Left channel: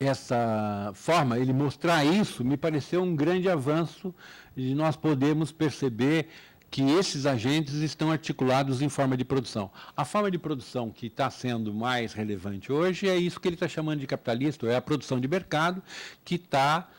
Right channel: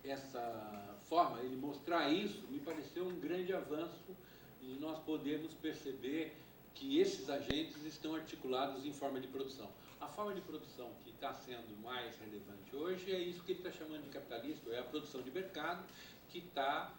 essa forma, ele mostrar isso, me pareceu um grande avanço de nós podermos perceber que esses agentes estão articulados em forma de produção. A forma de produção que está sendo mais relevante hoje é isso que ele está chamando de capitalista, é a produção de mercado, que está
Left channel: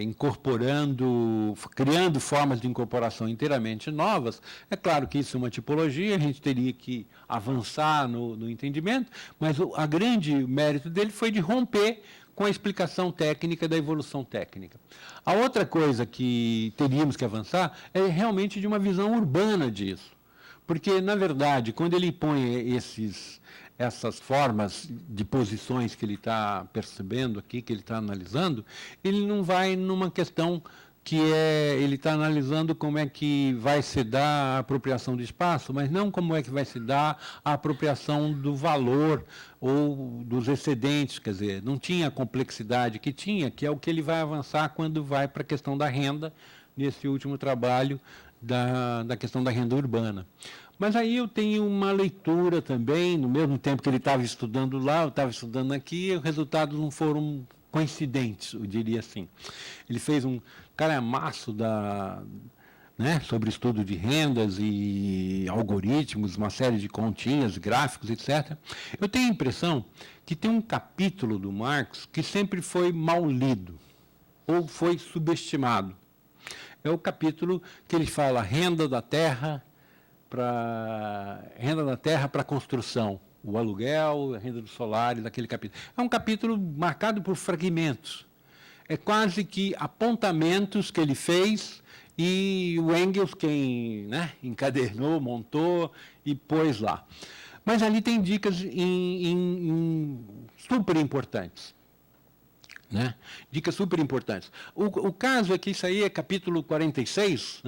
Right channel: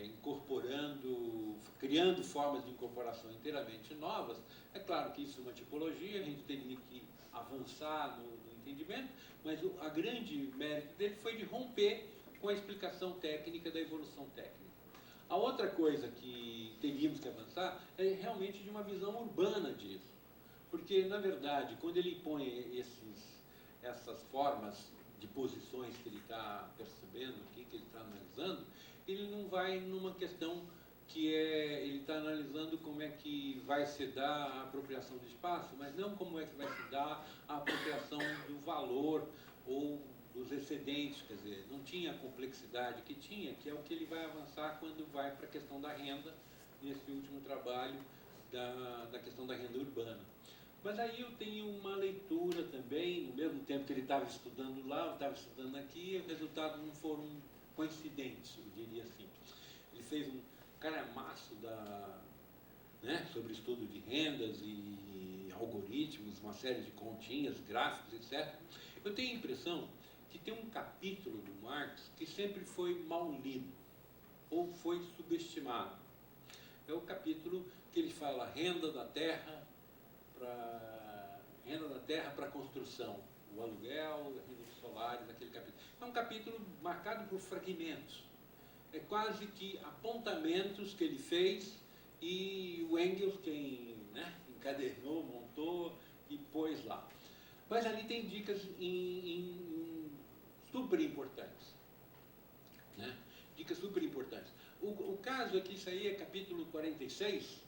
incorporando, criando formas de incorporação inteiramente novas. É claro que isso é uma tipologia, a gente teria que avançar no entendimento, mas a grande mérito dele foi de romper com a explicação técnica da evolução técnica. A outra coisa que teríamos que avançar é realmente de uma visão urbana disso. Porque, na verdade, quando ele põe essas formas de posições que ele está percebendo aqui, que ele está analisando, ele não vai numa questão que ele está analisando como é que vai se dar a apropriação do espaço, mas não como é que vai se dar a apropriação do valor ou dos excedentes, quer dizer, não tinha a complexidade que tinha, que é o que ele vai avançar quando vai para a questão da renda, nesse último trabalho da questão da renda urbana. Mas aí eu tenho uma leitura também, no mesmo tempo que ele estava estudando lá, eu estava estudando aqui, e os resultados não foram coincidentes, eu diria assim. Ele fez um calhamaço sobre estudo de rendas e algoritmos, uma série de continhas, gráficos, etc. Eu tenho a impressão que tem um capítulo do Marx que sempre foi mal lido, ou foi subestimado. É o capítulo que ele fala renda da terra para construção, o aluguel, a renda do solar, daquele capítulo. É um capítulo marcado por fragmentos. É quase que apontamentos que ele fez e o Engels quem encadernou, montou e pôs lá. Mas ali tem dicas super importantes. Dicas super importantes. O caso é que isso aí é capítulo 46,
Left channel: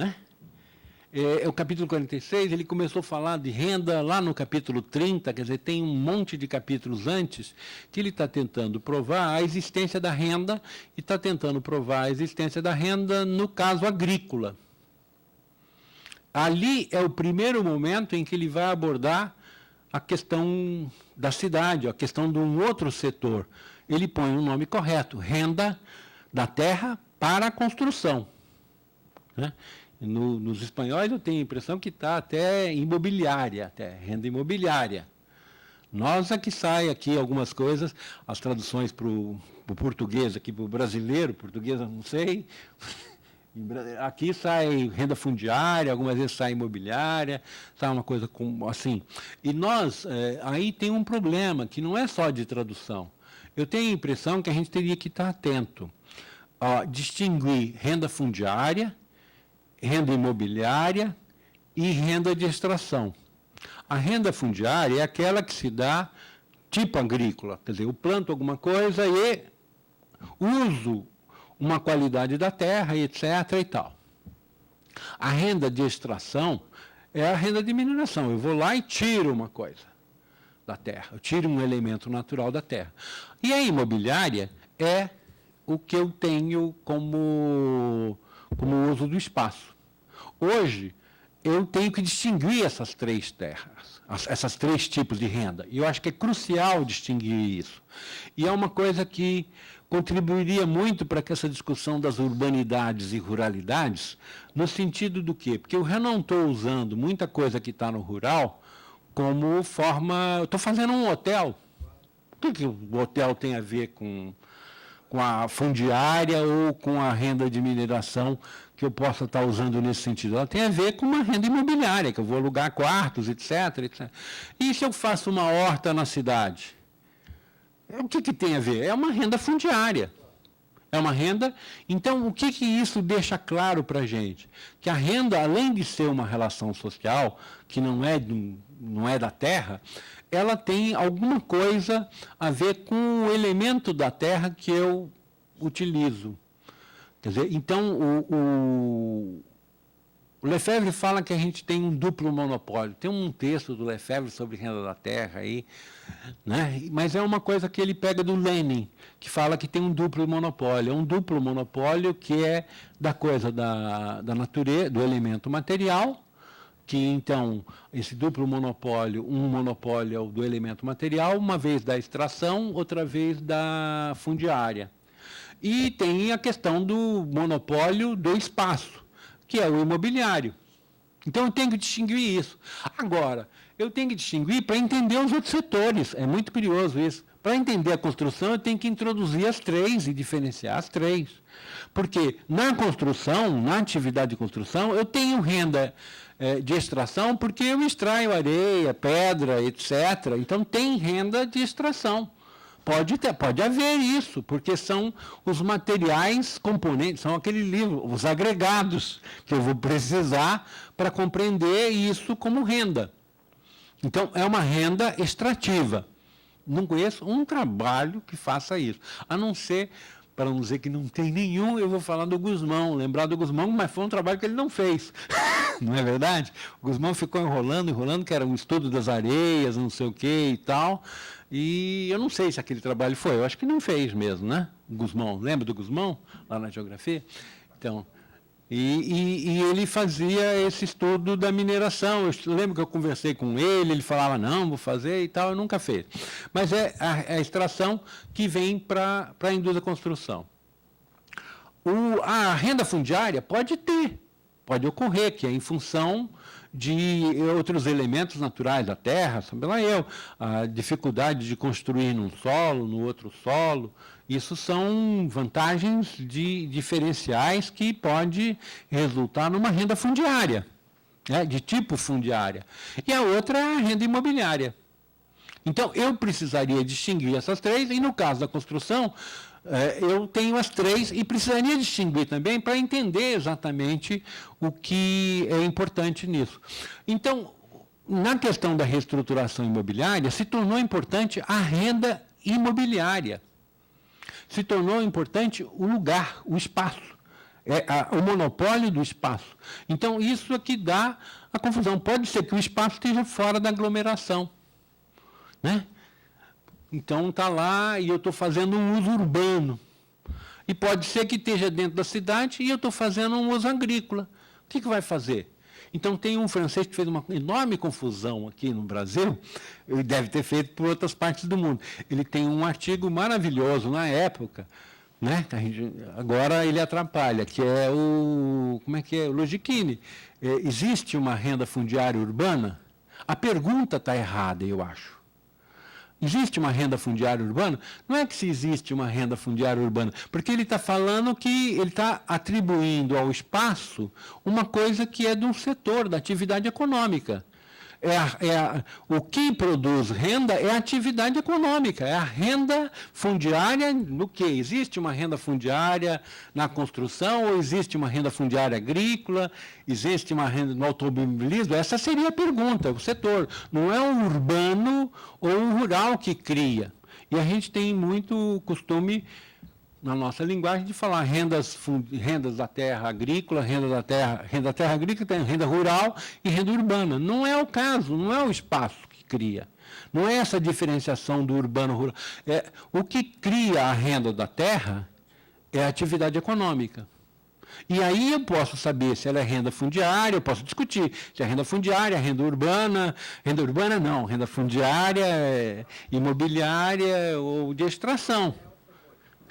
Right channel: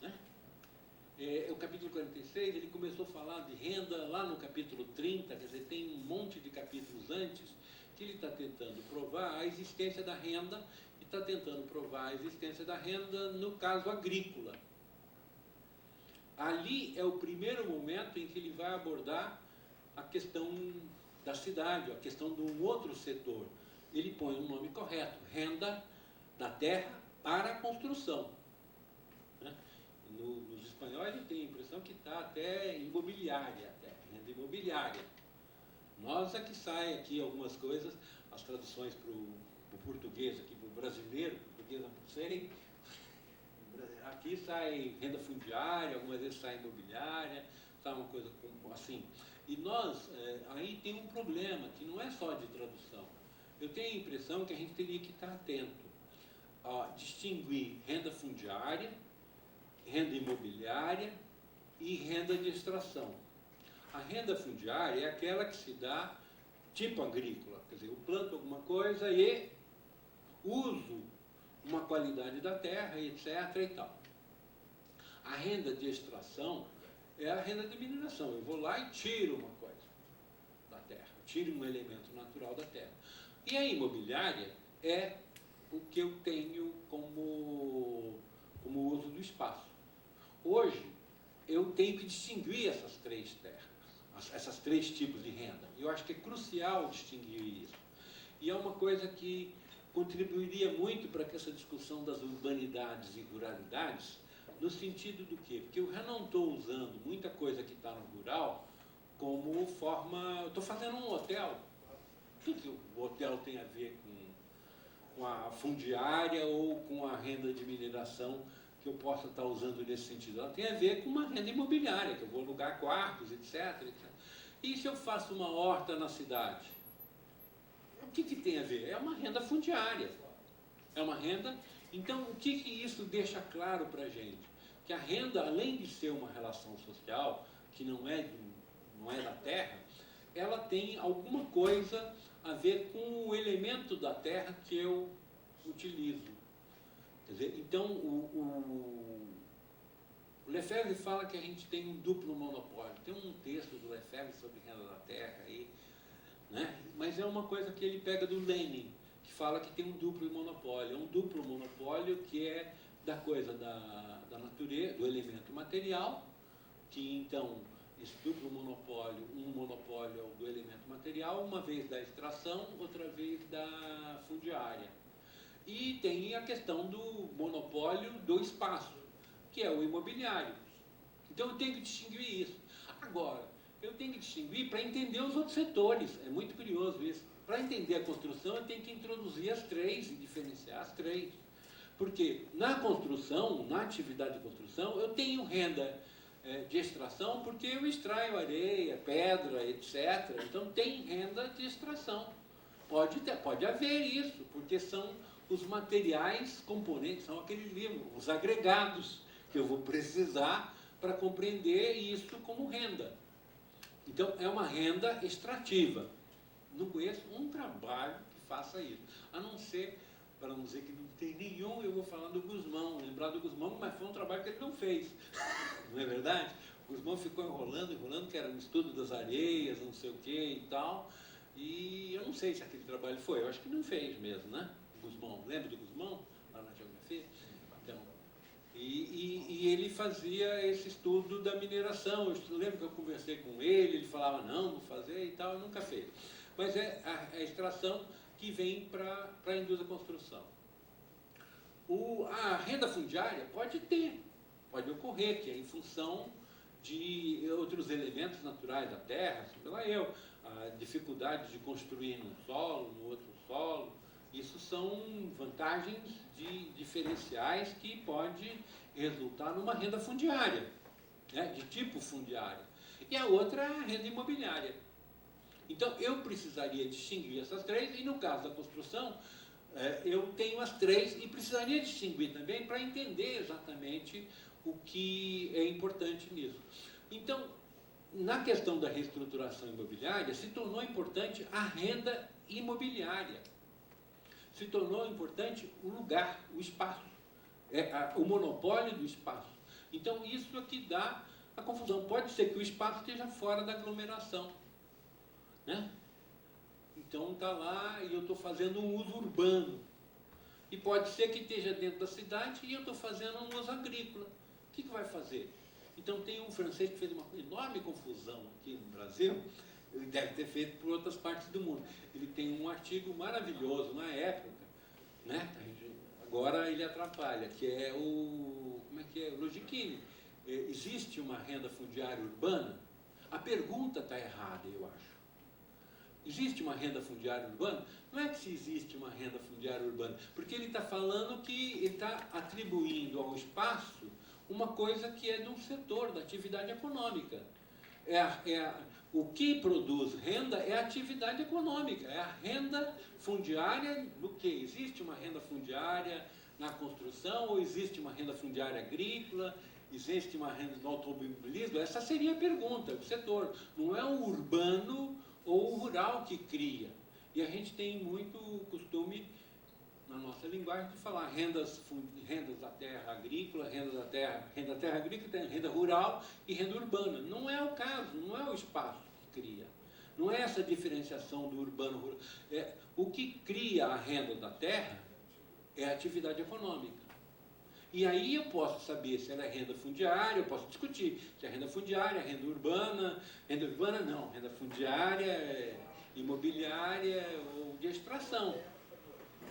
o capítulo 46, ele começou a falar de renda lá no capítulo 30, quer dizer, tem um monte de capítulos antes que ele está tentando provar a existência da renda e está tentando provar a existência da renda no caso agrícola. Ali é o primeiro momento em que ele vai abordar a questão da cidade, a questão de um outro setor. Ele põe um nome correto, renda da terra para a construção. Nos espanhóis eu tenho a impressão que está até imobiliária, até renda imobiliária. Nós é que sai aqui algumas coisas, as traduções para o português, aqui para o brasileiro, português eu não sei. Aqui sai renda fundiária, algumas vezes sai imobiliária, sai uma coisa assim. E nós, aí tem um problema, que não é só de tradução. Eu tenho a impressão que a gente teria que estar atento a distinguir renda fundiária, renda imobiliária e renda de extração. A renda fundiária é aquela que se dá tipo agrícola, quer dizer, eu planto alguma coisa e uso uma qualidade da terra, etc. e tal. A renda de extração é a renda de mineração. Eu vou lá e tiro uma coisa da terra, eu tiro um elemento natural da terra. E a imobiliária é o que eu tenho como uso do espaço. Hoje, eu tenho que distinguir essas três terras, esses três tipos de renda. E eu acho que é crucial distinguir isso. E é uma coisa que contribuiria muito para que essa discussão das urbanidades e ruralidades, no sentido do quê? Porque eu já não estou usando muita coisa que está no rural como forma... Estou fazendo um hotel. O que o hotel tem a ver com a fundiária ou com a renda de mineração que eu possa estar usando nesse sentido? Ela tem a ver com uma renda imobiliária, que eu vou alugar quartos, etc. etc. E se eu faço uma horta na cidade? O que tem a ver? É uma renda fundiária. É uma renda... Então, o que isso deixa claro para a gente? Que a renda, além de ser uma relação social, que não é da terra, ela tem alguma coisa a ver com o elemento da terra que eu utilizo. Quer dizer, então, o Lefebvre fala que a gente tem um duplo monopólio. Tem um texto do Lefebvre sobre renda da terra aí, mas é uma coisa que ele pega do Lenin, que fala que tem um duplo monopólio. É um duplo monopólio que é da coisa da natureza, do elemento material, que então esse duplo monopólio, um monopólio é o do elemento material, uma vez da extração, outra vez da fundiária. E tem a questão do monopólio do espaço, que é o imobiliário. Então eu tenho que distinguir isso. Agora, eu tenho que distinguir para entender os outros setores. É muito curioso isso. Para entender a construção, eu tenho que introduzir as três e diferenciar as três. Porque na construção, na atividade de construção, eu tenho renda de extração porque eu extraio areia, pedra, etc. Então tem renda de extração. Pode haver isso, porque são os materiais componentes, são aquele livro, os agregados que eu vou precisar para compreender isso como renda. Então, é uma renda extrativa. Não conheço um trabalho que faça isso, a não ser, para não dizer que não tem nenhum, eu vou falar do Gusmão, lembrar do Gusmão, mas foi um trabalho que ele não fez. Não é verdade? O Gusmão ficou enrolando, que era um estudo das areias, não sei o que e tal. E eu não sei se aquele trabalho foi, eu acho que não fez mesmo, né? Gusmão, lembra do Gusmão, lá na geografia? Então, e ele fazia esse estudo da mineração. Eu lembro que eu conversei com ele, ele falava, não, vou fazer e tal, eu nunca fez. Mas é a extração que vem para a indústria da construção. A renda fundiária pode ocorrer, que é em função de outros elementos naturais da terra, sabe lá a dificuldade de construir num solo, no outro solo. Isso são vantagens diferenciais que pode resultar numa renda fundiária, né, de tipo fundiária. E a outra é a renda imobiliária. Então, eu precisaria distinguir essas três, e no caso da construção, eu tenho as três e precisaria distinguir também para entender exatamente o que é importante nisso. Então, na questão da reestruturação imobiliária, se tornou importante a renda imobiliária. Se tornou importante o lugar, o espaço, o monopólio do espaço. Então, isso é que dá a confusão. Pode ser que o espaço esteja fora da aglomeração, né? Então, está lá e eu estou fazendo um uso urbano. E pode ser que esteja dentro da cidade e eu estou fazendo um uso agrícola. O que vai fazer? Então, tem um francês que fez uma enorme confusão aqui no Brasil, ele deve ter feito por outras partes do mundo. Ele tem um artigo maravilhoso na época, né? Agora ele atrapalha, que é o Logichini. Existe uma renda fundiária urbana? A pergunta está errada, eu acho. Existe uma renda fundiária urbana? Não é que se existe uma renda fundiária urbana, porque ele está falando que ele está atribuindo ao espaço uma coisa que é de um setor, da atividade econômica. O que produz renda é a atividade econômica, é a renda fundiária no que? Existe uma renda fundiária na construção, ou existe uma renda fundiária agrícola, existe uma renda no automobilismo? Essa seria a pergunta, o setor. Não é o urbano ou o rural que cria. E a gente tem muito costume, na nossa linguagem, de falar rendas da terra agrícola, renda da terra agrícola, tem renda rural e renda urbana. Não é o caso, não é o espaço que cria. Não é essa diferenciação do urbano-rural. O que cria a renda da terra é a atividade econômica. E aí eu posso saber se ela é renda fundiária, eu posso discutir se é renda fundiária, renda urbana não, renda fundiária, imobiliária ou de extração.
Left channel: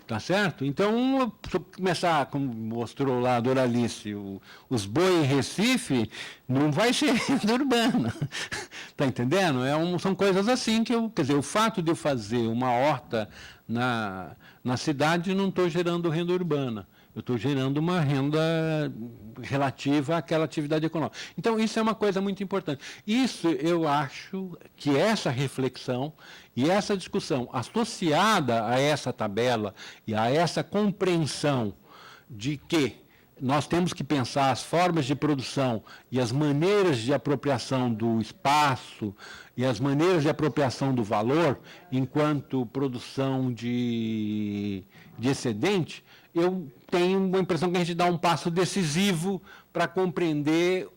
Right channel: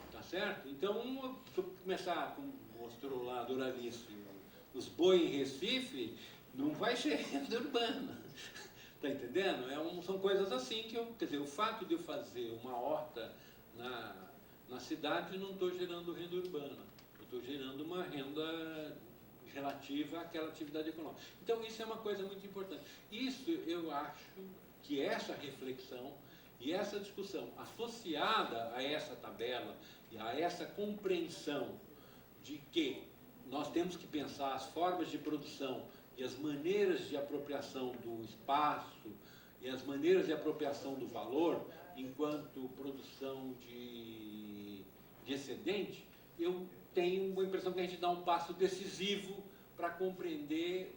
Tá certo? Então, se eu começar, como mostrou lá a Doralice, os boi em Recife, não vai ser renda urbana. Está entendendo? São coisas assim que quer dizer, o fato de eu fazer uma horta na cidade, não estou gerando renda urbana. Eu estou gerando uma renda relativa àquela atividade econômica. Então, isso é uma coisa muito importante. Isso, eu acho que essa reflexão e essa discussão associada a essa tabela e a essa compreensão de que nós temos que pensar as formas de produção e as maneiras de apropriação do espaço e as maneiras de apropriação do valor enquanto produção de excedente, eu tenho a impressão que a gente dá um passo decisivo para compreender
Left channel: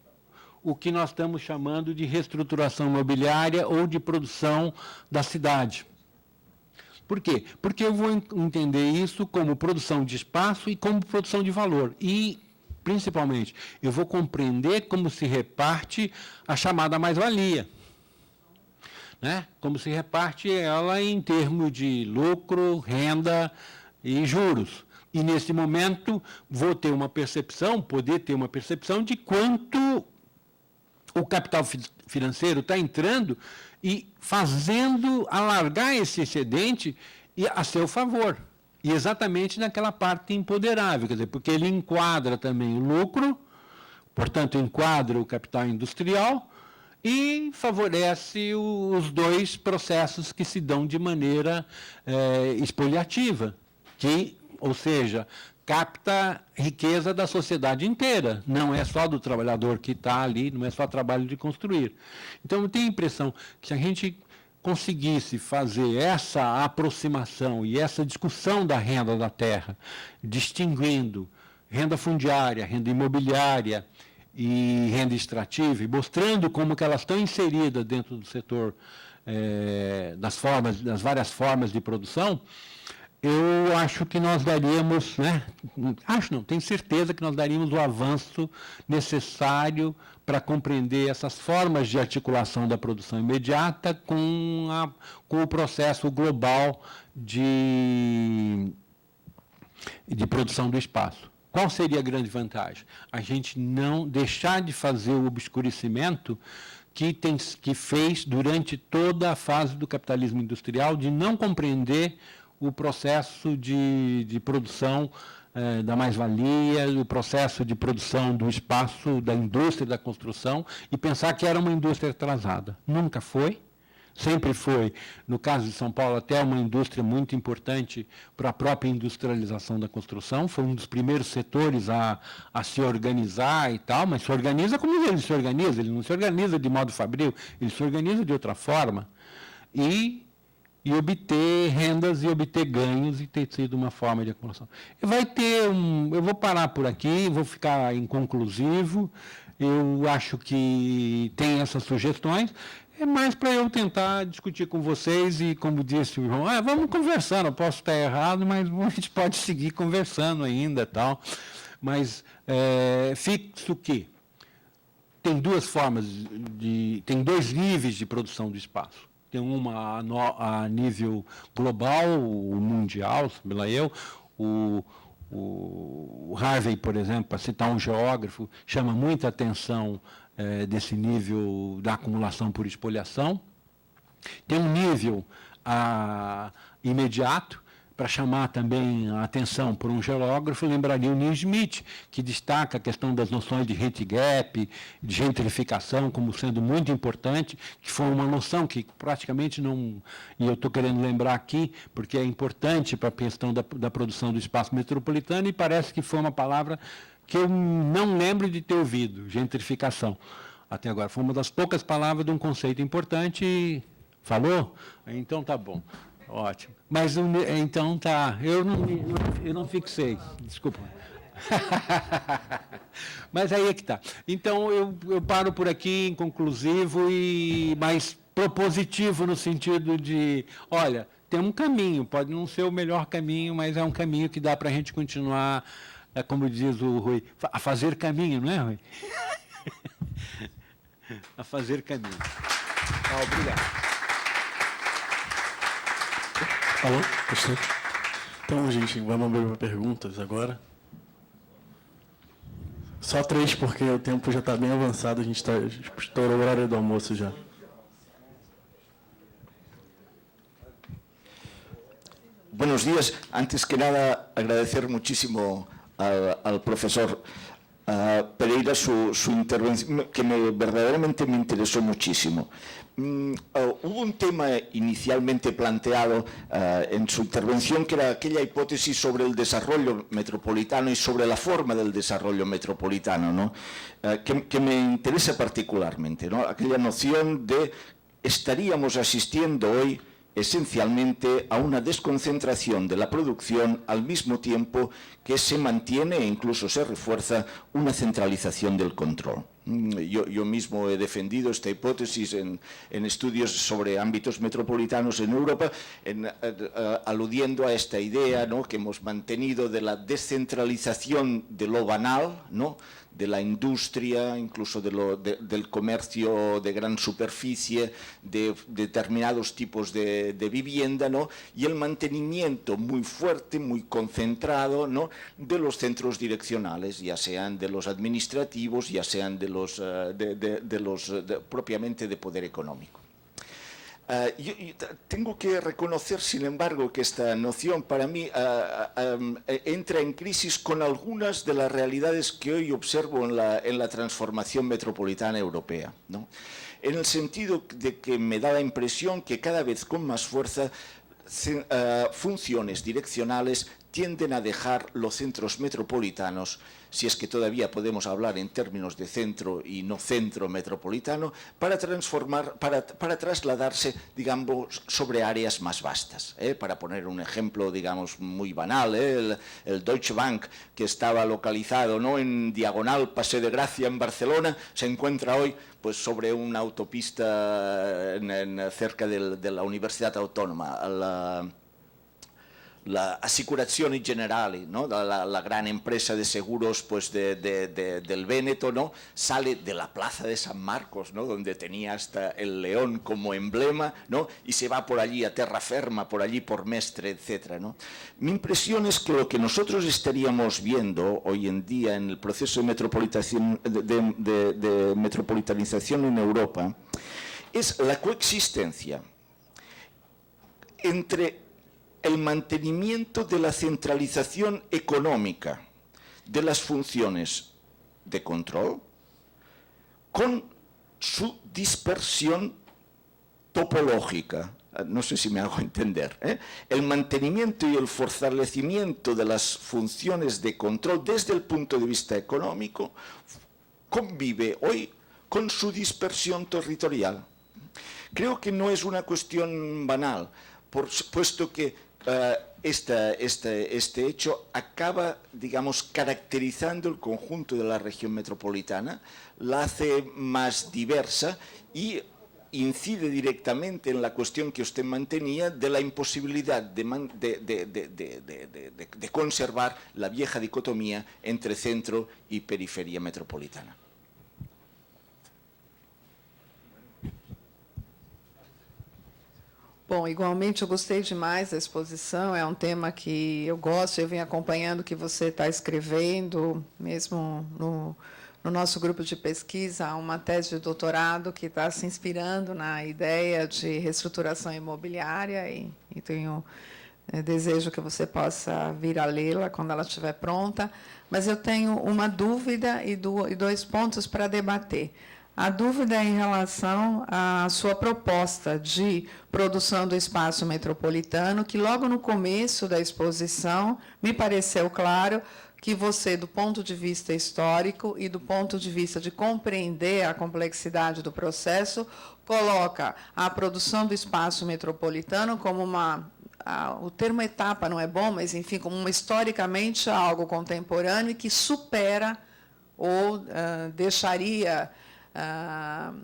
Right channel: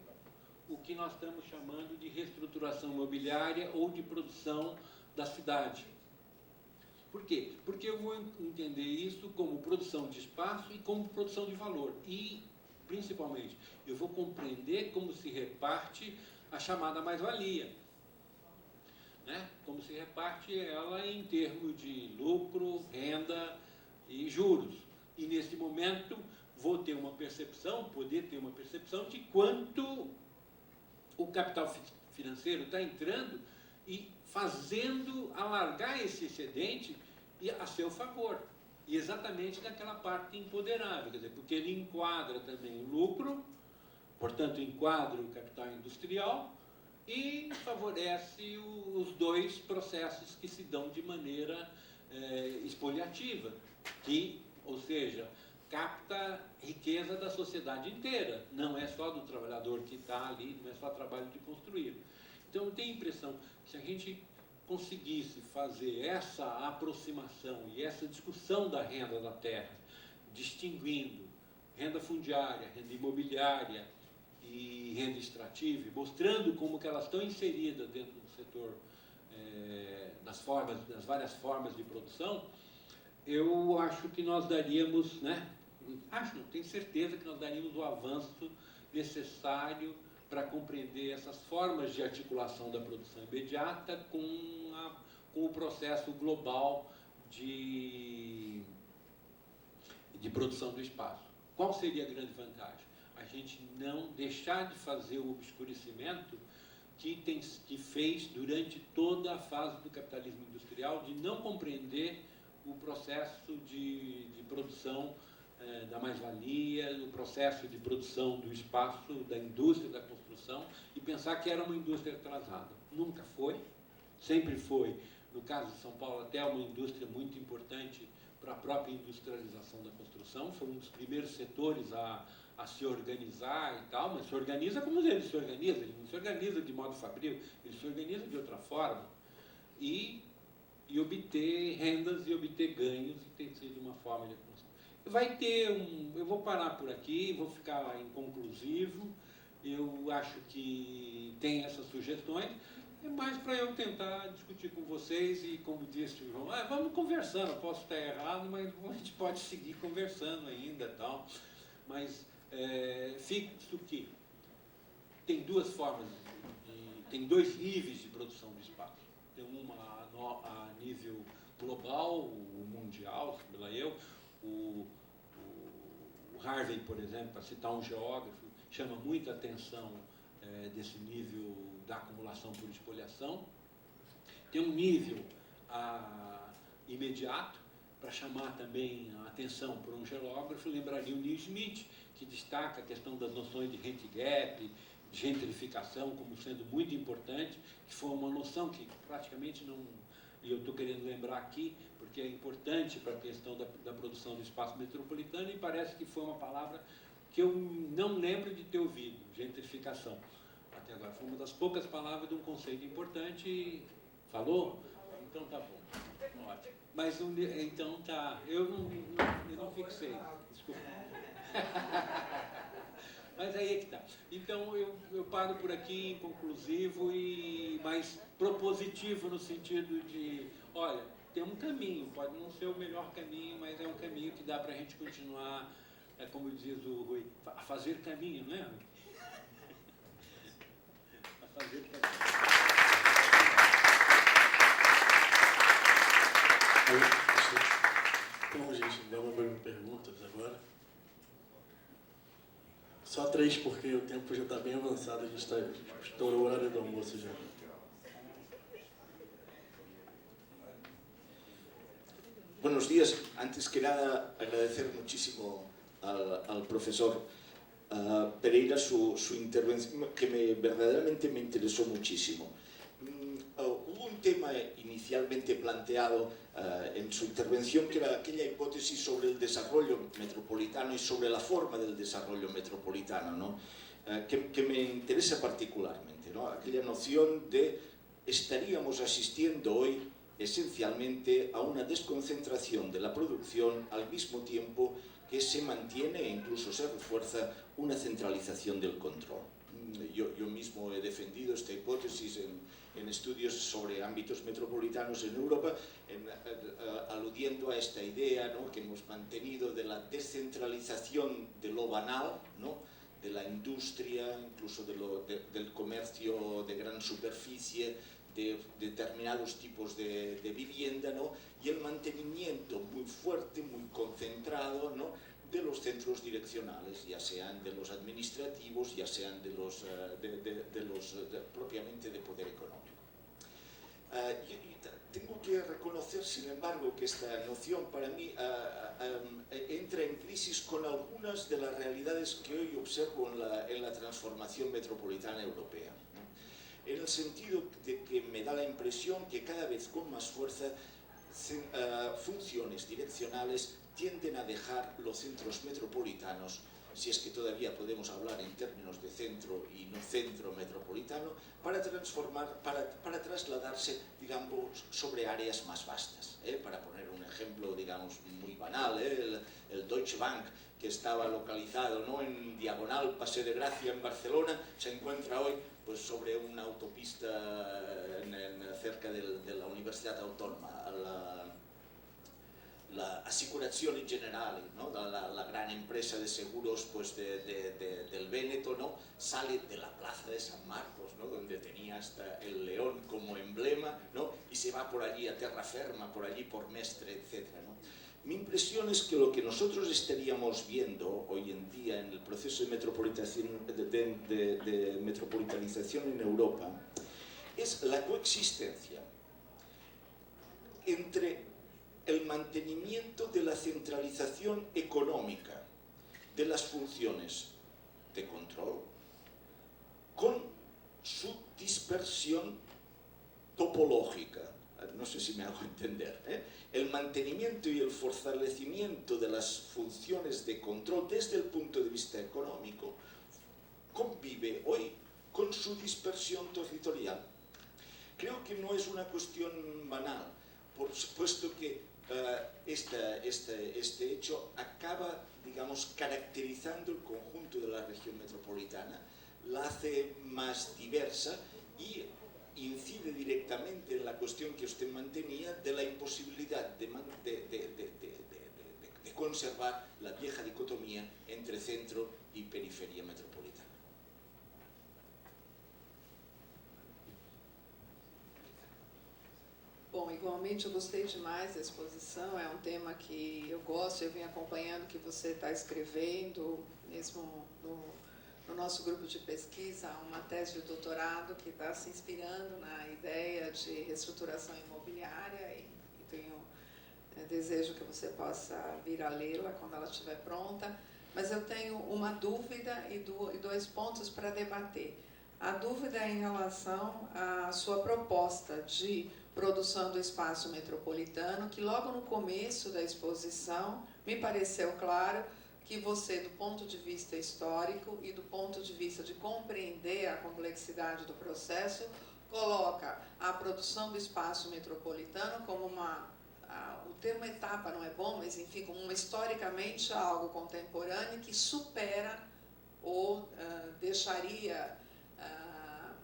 o que nós estamos chamando de reestruturação imobiliária ou de produção da cidade. Por quê? Porque eu vou entender isso como produção de espaço e como produção de valor. E principalmente, eu vou compreender como se reparte a chamada mais-valia. Né? Como se reparte ela em termos de lucro, renda e juros. E, nesse momento, vou ter uma percepção, poder ter uma percepção de quanto o capital financeiro está entrando e fazendo alargar esse excedente a seu favor. E exatamente naquela parte imponderável, quer dizer, porque ele enquadra também o lucro, portanto, enquadra o capital industrial e favorece os dois processos que se dão de maneira espoliativa, ou seja, capta riqueza da sociedade inteira, não é só do trabalhador que está ali, não é só trabalho de construir. Então, eu tenho a impressão que se a gente conseguisse fazer essa aproximação e essa discussão da renda da terra, distinguindo renda fundiária, renda imobiliária e renda extrativa, e mostrando como que elas estão inseridas dentro do setor das várias formas de produção, eu acho que nós daríamos, tenho certeza que nós daríamos o avanço necessário para compreender essas formas de articulação da produção imediata com o processo global de produção do espaço. Qual seria a grande vantagem? A gente não deixar de fazer o obscurecimento que fez durante toda a fase do capitalismo industrial, de não compreender o processo de produção da mais-valia, o processo de produção do espaço, da indústria da construção, e pensar que era uma indústria atrasada. Nunca foi, sempre foi, no caso de São Paulo, até uma indústria muito importante para a própria industrialização da construção, foi um dos primeiros setores a se organizar e tal, mas se organiza como ele se organiza, ele não se organiza de modo fabril, ele se organiza de outra forma, e obter rendas e obter ganhos e ter sido uma forma de acumulação. Eu vou parar por aqui, vou ficar inconclusivo, eu acho que tem essas sugestões, é mais para eu tentar discutir com vocês e, como disse o João, vamos conversando, eu posso estar errado, mas a gente pode seguir conversando ainda e tal. Mas fixo que tem duas formas, tem dois níveis de produção do espaço. Tem uma a nível global, mundial, sei lá eu, o Harvey, por exemplo, para citar um geógrafo, chama muita atenção desse nível da acumulação por espoliação. Tem um nível imediato, para chamar também a atenção por um geógrafo, lembraria o Neil Smith, que destaca a questão das noções de rent gap, de gentrificação, como sendo muito importante, que foi uma noção que praticamente não... E eu estou querendo lembrar aqui, porque é importante para a questão da produção do espaço metropolitano, e parece que foi uma palavra que eu não lembro de ter ouvido, gentrificação. Até agora, foi uma das poucas palavras de um conceito importante. Falou? Então, tá bom. Ótimo. Mas, então, tá. Eu não fixei. Desculpa. Mas aí é que está. Então, eu paro por aqui, inconclusivo e mais propositivo no sentido de, olha, tem um caminho, pode não ser o melhor caminho, mas é um caminho que dá para a gente continuar, como diz o Rui, a fazer caminho, não é, Rui? A fazer caminho. Obrigado. Alô, professor? Então, gente, vamos abrir para perguntas agora. Só 3, porque o tempo já está bem avançado, a gente está estourando o horário do almoço já. Buenos días. Antes que nada, agradecer muchísimo al profesor Pereira su intervención, que verdaderamente me interesó muchísimo. Hubo un tema inicialmente planteado en su intervención, que era aquella hipótesis sobre el desarrollo metropolitano y sobre la forma del desarrollo metropolitano, ¿no? Que me interesa particularmente, ¿no? Aquella noción de estaríamos asistiendo hoy esencialmente a una desconcentración de la producción al mismo tiempo que se mantiene e incluso se refuerza una centralización del control. Yo mismo he defendido esta hipótesis en estudios sobre ámbitos metropolitanos en Europa, aludiendo a esta idea, ¿no?, que hemos mantenido de la descentralización de lo banal, ¿no?, de la industria, incluso del comercio de gran superficie, de determinados tipos de vivienda, ¿no?, y el mantenimiento muy fuerte, muy concentrado, ¿no?, de los centros direccionales, ya sean de los administrativos, ya sean de los propiamente de poder económico. Yo tengo que reconocer, sin embargo, que esta noción para mí entra en crisis con algunas de las realidades que hoy observo en la transformación metropolitana europea, ¿no?, en el sentido de que me da la impresión que cada vez con más fuerza funciones direccionales tienden a dejar los centros metropolitanos, si es que todavía podemos hablar en términos de centro y no centro metropolitano, para trasladarse, digamos, sobre áreas más vastas. Para poner un ejemplo, digamos, muy banal, el Deutsche Bank, que estaba localizado, ¿no?, en diagonal Paseo de Gracia en Barcelona, se encuentra hoy pues sobre una autopista cerca de la Universidad Autónoma, la Assicurazioni Generali, ¿no?, la gran empresa de seguros pues del Véneto, ¿no?, sale de la plaza de San Marcos, ¿no?, donde tenía hasta el león como emblema, ¿no?, y se va por allí a Terraferma, por allí por Mestre, etc., ¿no? Mi impresión es que lo que nosotros estaríamos viendo hoy en día en el proceso de metropolitanización en Europa es la coexistencia entre el mantenimiento de la centralización económica de las funciones de control con su dispersión topológica. No sé si me hago entender, ¿eh? El mantenimiento y el fortalecimiento de las funciones de control desde el punto de vista económico convive hoy con su dispersión territorial. Creo que no es una cuestión banal, puesto que este hecho acaba, digamos, caracterizando el conjunto de la región metropolitana, la hace más diversa y incide directamente en la cuestión que usted mantenía de la imposibilidad de conservar la vieja dicotomía entre centro y periferia metropolitana. Bom, igualmente eu gostei demais da exposição, é um tema que eu gosto, eu venho acompanhando o que você está escrevendo, mesmo no nosso grupo de pesquisa, há uma tese de doutorado que está se inspirando na ideia de reestruturação imobiliária e tenho desejo que você possa vir a lê-la quando ela estiver pronta, mas eu tenho uma dúvida e dois pontos para debater. A dúvida é em relação à sua proposta de produção do espaço metropolitano, que logo no começo da exposição me pareceu claro que você, do ponto de vista histórico e do ponto de vista de compreender a complexidade do processo, coloca a produção do espaço metropolitano como o termo etapa não é bom, mas, enfim, como historicamente algo contemporâneo que supera ou deixaria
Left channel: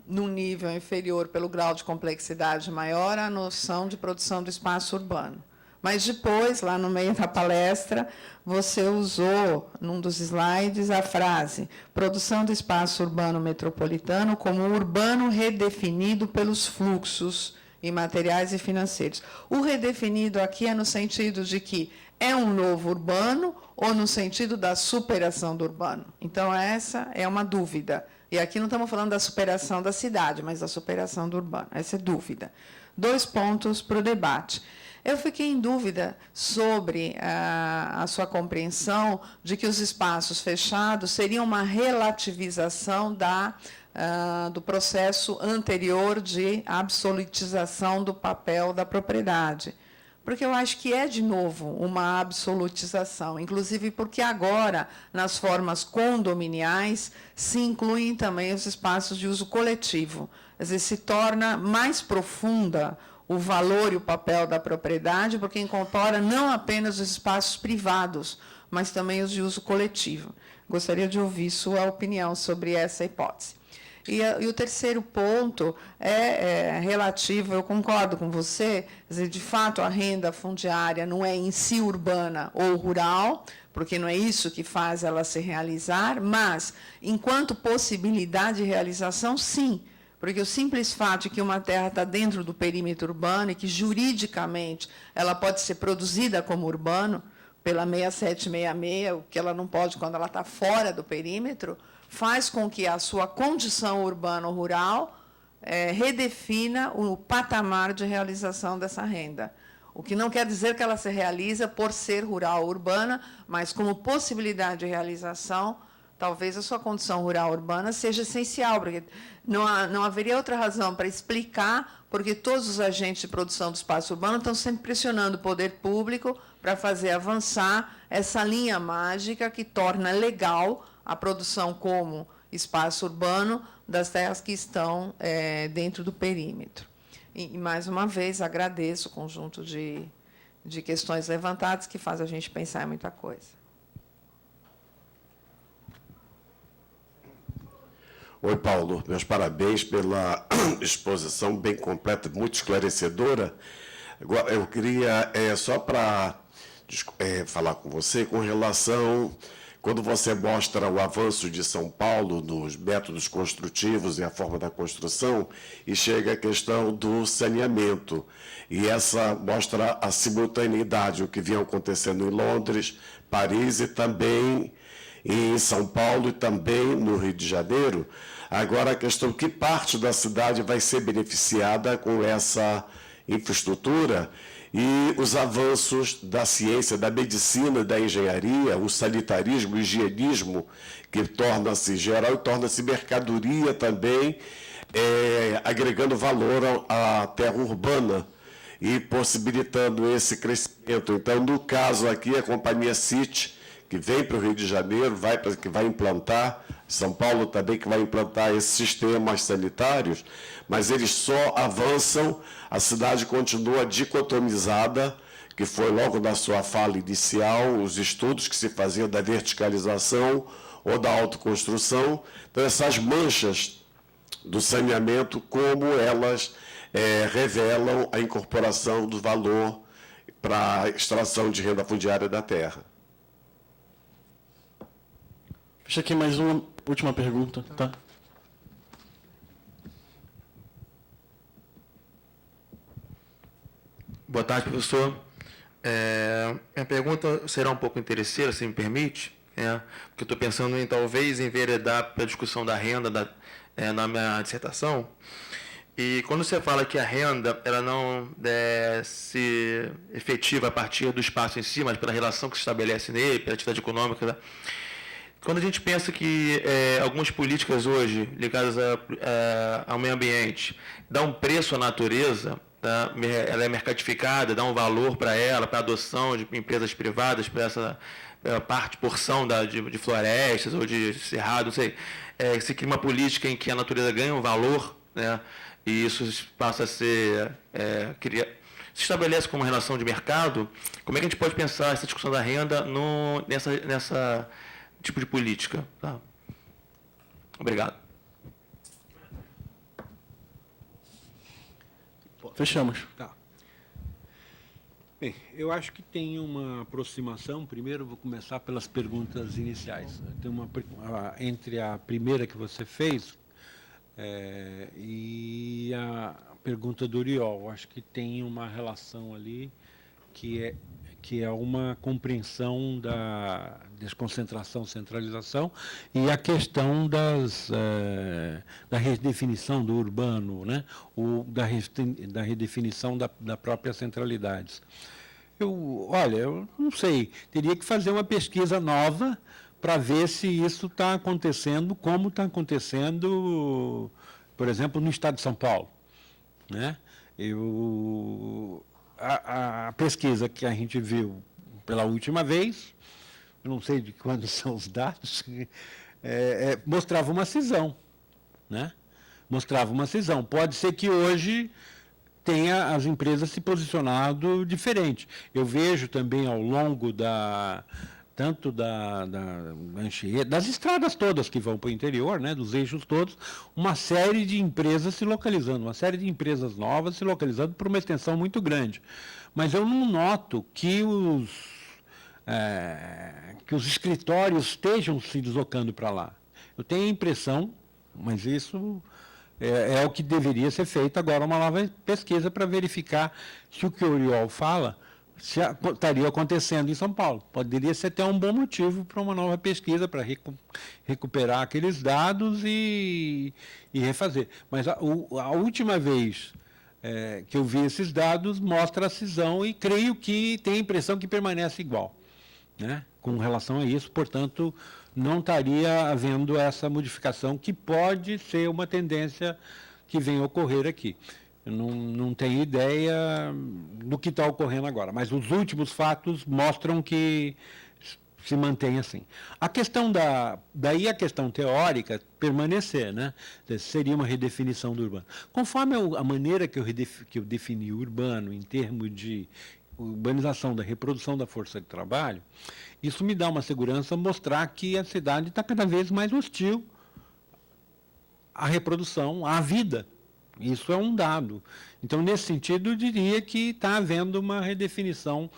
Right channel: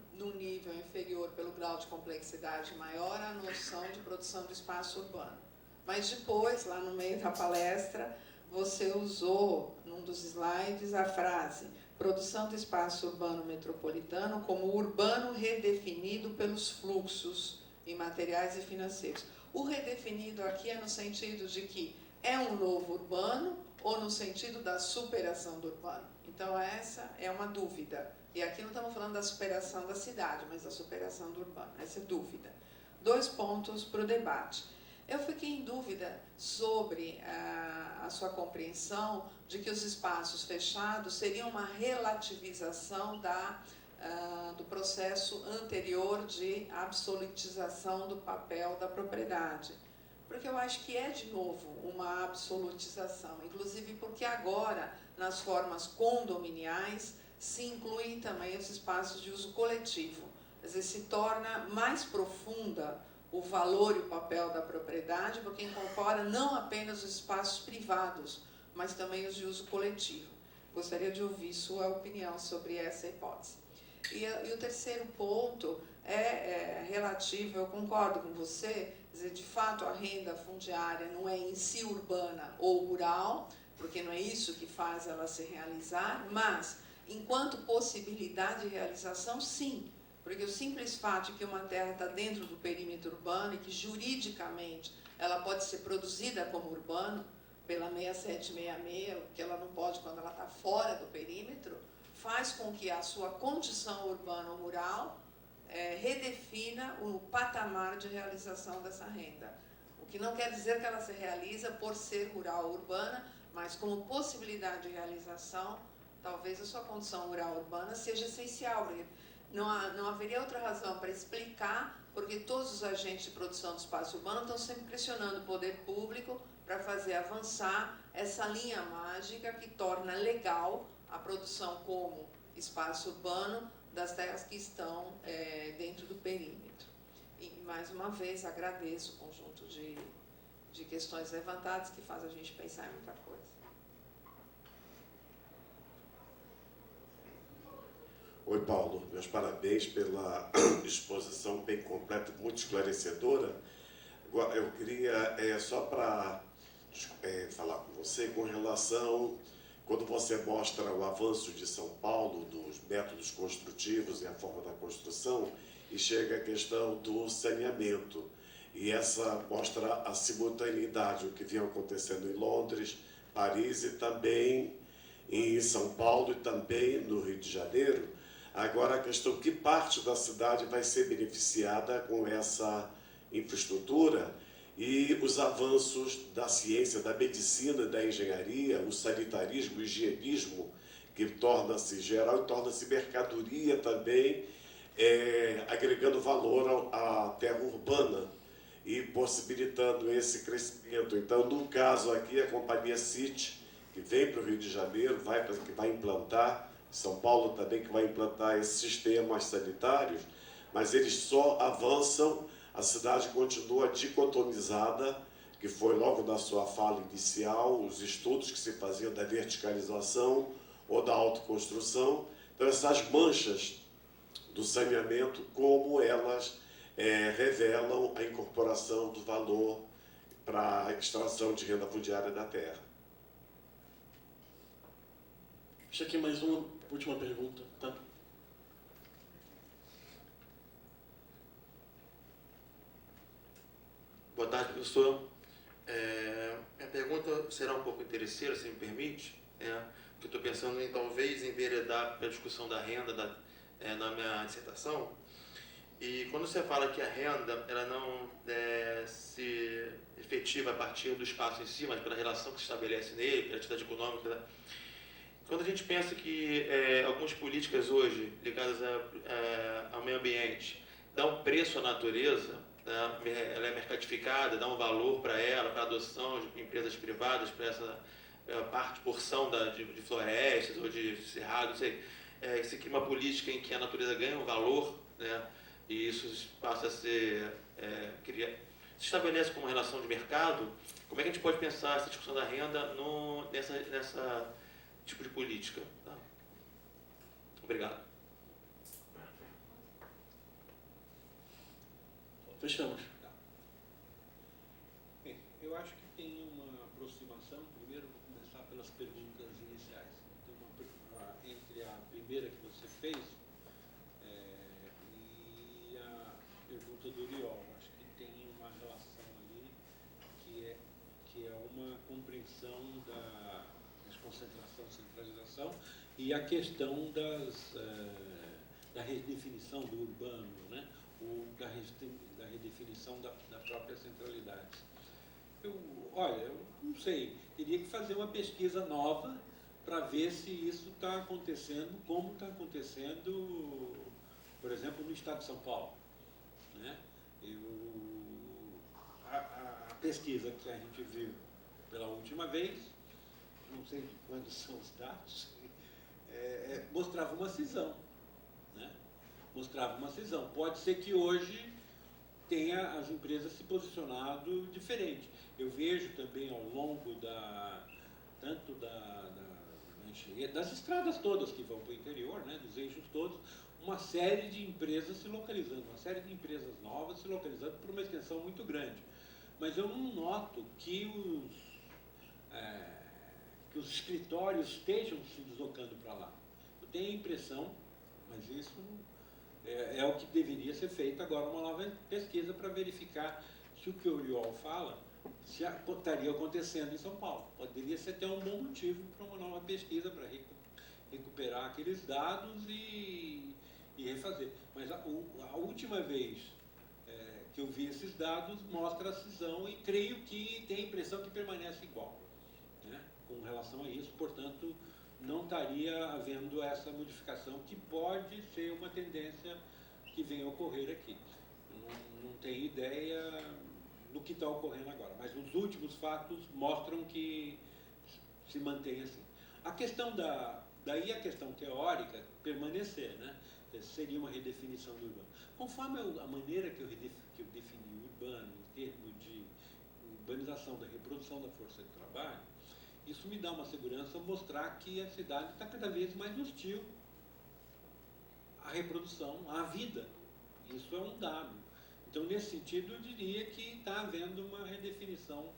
num nível inferior pelo grau de complexidade maior a noção de produção do espaço urbano. Mas depois, lá no meio da palestra, você usou, num dos slides, a frase produção do espaço urbano metropolitano como urbano redefinido pelos fluxos imateriais e financeiros. O redefinido aqui é no sentido de que é um novo urbano ou no sentido da superação do urbano? Então, essa é uma dúvida. E aqui não estamos falando da superação da cidade, mas da superação do urbano. Essa é dúvida. 2 pontos para o debate. Eu fiquei em dúvida sobre a sua compreensão de que os espaços fechados seriam uma relativização do processo anterior de absolutização do papel da propriedade. Porque eu acho que é, de novo, uma absolutização, inclusive porque agora, nas formas condominiais, se incluem também os espaços de uso coletivo. Quer dizer, se torna mais profunda o valor e o papel da propriedade, porque incorpora não apenas os espaços privados, mas também os de uso coletivo. Gostaria de ouvir sua opinião sobre essa hipótese. E o terceiro ponto é relativo, eu concordo com você, quer dizer, de fato a renda fundiária não é em si urbana ou rural, porque não é isso que faz ela se realizar, mas, enquanto possibilidade de realização, sim, porque o simples fato de que uma terra está dentro do perímetro urbano e que, juridicamente, ela pode ser produzida como urbano, pela 6766, o que ela não pode quando ela está fora do perímetro, faz com que a sua condição urbana ou rural redefina o patamar de realização dessa renda. O que não quer dizer que ela se realiza por ser rural ou urbana, mas como possibilidade de realização, talvez a sua condição rural ou urbana seja essencial, porque não haveria outra razão para explicar porque todos os agentes de produção do espaço urbano estão sempre pressionando o poder público para fazer avançar essa linha mágica que torna legal a produção como espaço urbano das terras que estão dentro do perímetro. E, mais uma vez, agradeço o conjunto de questões levantadas que faz a gente pensar em muita coisa. Oi, Paulo. Meus parabéns pela exposição bem completa, muito esclarecedora. Eu queria, só para falar com você, com relação, quando você mostra o avanço de São Paulo nos métodos construtivos e a forma da construção, e chega a questão do saneamento. E essa mostra a simultaneidade, o que vinha acontecendo em Londres, Paris e também em São Paulo e também no Rio de Janeiro. Agora, a questão, que parte da cidade vai ser beneficiada com essa infraestrutura e os avanços da ciência, da medicina, da engenharia, o sanitarismo, o higienismo, que torna-se geral e torna-se mercadoria também, agregando valor à terra urbana e possibilitando esse crescimento. Então, no caso aqui, a companhia City, que vem para o Rio de Janeiro, que vai implantar, São Paulo também, que vai implantar esses sistemas sanitários, mas eles só avançam, a cidade continua dicotomizada, que foi logo na sua fala inicial, os estudos que se faziam da verticalização ou da autoconstrução. Então, essas manchas do saneamento, como elas revelam a incorporação do valor para a extração de renda fundiária da terra. Deixa aqui mais uma última pergunta, tá? Boa tarde, professor. Minha pergunta será um pouco interesseira, se me permite, porque eu estou pensando em talvez enveredar para a discussão da renda na minha dissertação. E quando você fala que a renda ela não se efetiva a partir do espaço em si, mas pela relação que se estabelece nele, pela atividade econômica, quando a gente pensa que algumas políticas hoje ligadas ao meio ambiente dão um preço à natureza, tá? Ela é mercadificada, dá um valor para ela, para a adoção de empresas privadas, para essa porção de florestas ou de cerrado, não sei. Se cria uma política em que a natureza ganha um valor, né? E isso passa a ser... se estabelece como relação de mercado, como é que a gente pode pensar essa discussão da renda nessa tipo de política? Tá? Obrigado. Fechamos. Tá. Bem, eu acho que tem uma aproximação. Primeiro, vou começar pelas perguntas iniciais. Tem entre a primeira que você fez e a pergunta do Uriol. Acho que tem uma relação ali que é uma compreensão da desconcentração, centralização e a questão da redefinição do urbano, né? Da redefinição da própria centralidade. Eu não sei, teria que fazer uma pesquisa nova para ver se isso está acontecendo, como está acontecendo, por exemplo, no estado de São Paulo, né? A pesquisa que a gente viu pela última vez, eu não sei de quando são os dados, mostrava uma cisão, né? Mostrava uma cisão. Pode ser que hoje tenha as empresas se posicionado diferente. Eu vejo também ao longo tanto da Anchieta, das estradas todas que vão para o interior, né, dos eixos todos, uma série de empresas se localizando, uma série de empresas novas se localizando por uma extensão muito grande. Mas eu não noto que os escritórios estejam se deslocando para lá. Eu tenho a impressão, mas isso é o que deveria ser feito agora, uma nova pesquisa para verificar se o que o Oriol fala estaria acontecendo em São Paulo. Poderia ser até um bom motivo para uma nova pesquisa, para recuperar aqueles dados e refazer. Mas a última vez que eu vi esses dados mostra a cisão e creio que tem a impressão que permanece igual, né, com relação a isso, portanto, não estaria havendo essa modificação que pode ser uma tendência que venha a ocorrer aqui. Eu não tenho ideia do que está ocorrendo agora, mas os últimos fatos mostram que se mantém assim. A questão daí a questão teórica permanecer, né? Seria uma redefinição do urbano. Conforme a maneira que eu defini o urbano em termos de urbanização da reprodução da força de trabalho, isso me dá uma segurança mostrar que a cidade está cada vez mais hostil à reprodução, à vida. Isso é um dado. Então, nesse sentido, eu diria que está havendo uma redefinição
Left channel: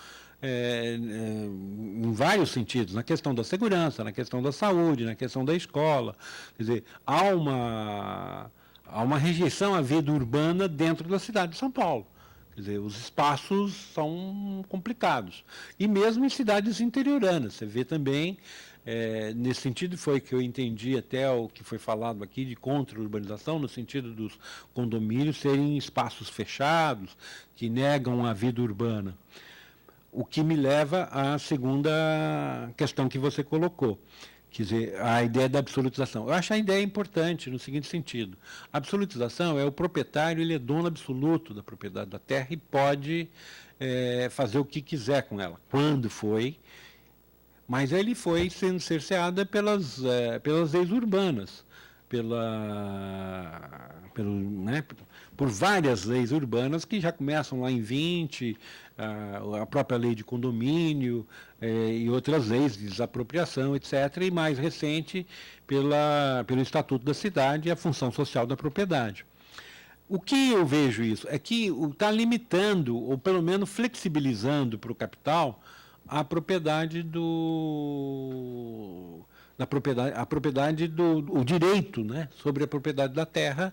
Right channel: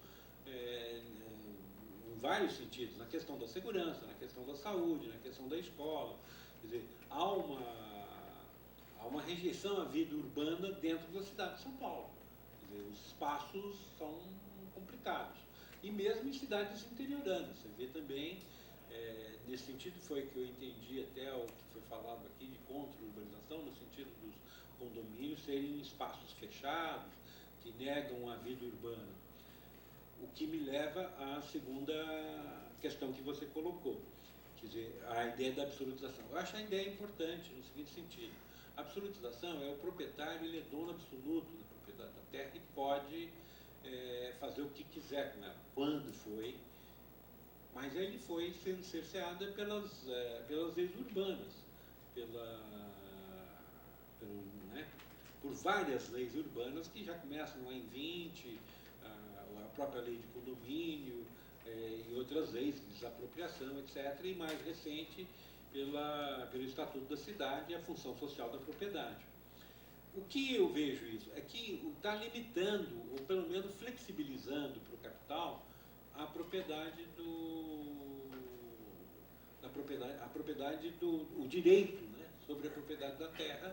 em vários sentidos, na questão da segurança, na questão da saúde, na questão da escola. Quer dizer, há uma rejeição à vida urbana dentro da cidade de São Paulo. Quer dizer, os espaços são complicados. E mesmo em cidades interioranas, você vê também, nesse sentido foi que eu entendi até o que foi falado aqui de contra-urbanização, no sentido dos condomínios serem espaços fechados, que negam a vida urbana. O que me leva à segunda questão que você colocou, quer dizer, a ideia da absolutização. Eu acho a ideia importante no seguinte sentido. A absolutização é o proprietário, ele é dono absoluto da propriedade da terra e pode fazer o que quiser com ela, quando foi, mas ele foi sendo cerceado pelas leis urbanas, por várias leis urbanas que já começam lá em 20, a própria lei de condomínio e outras leis de desapropriação, etc., e mais recente pelo Estatuto da Cidade e a função social da propriedade. O que eu vejo isso é que está limitando, ou pelo menos flexibilizando para o capital, a propriedade o direito, né, sobre a propriedade da terra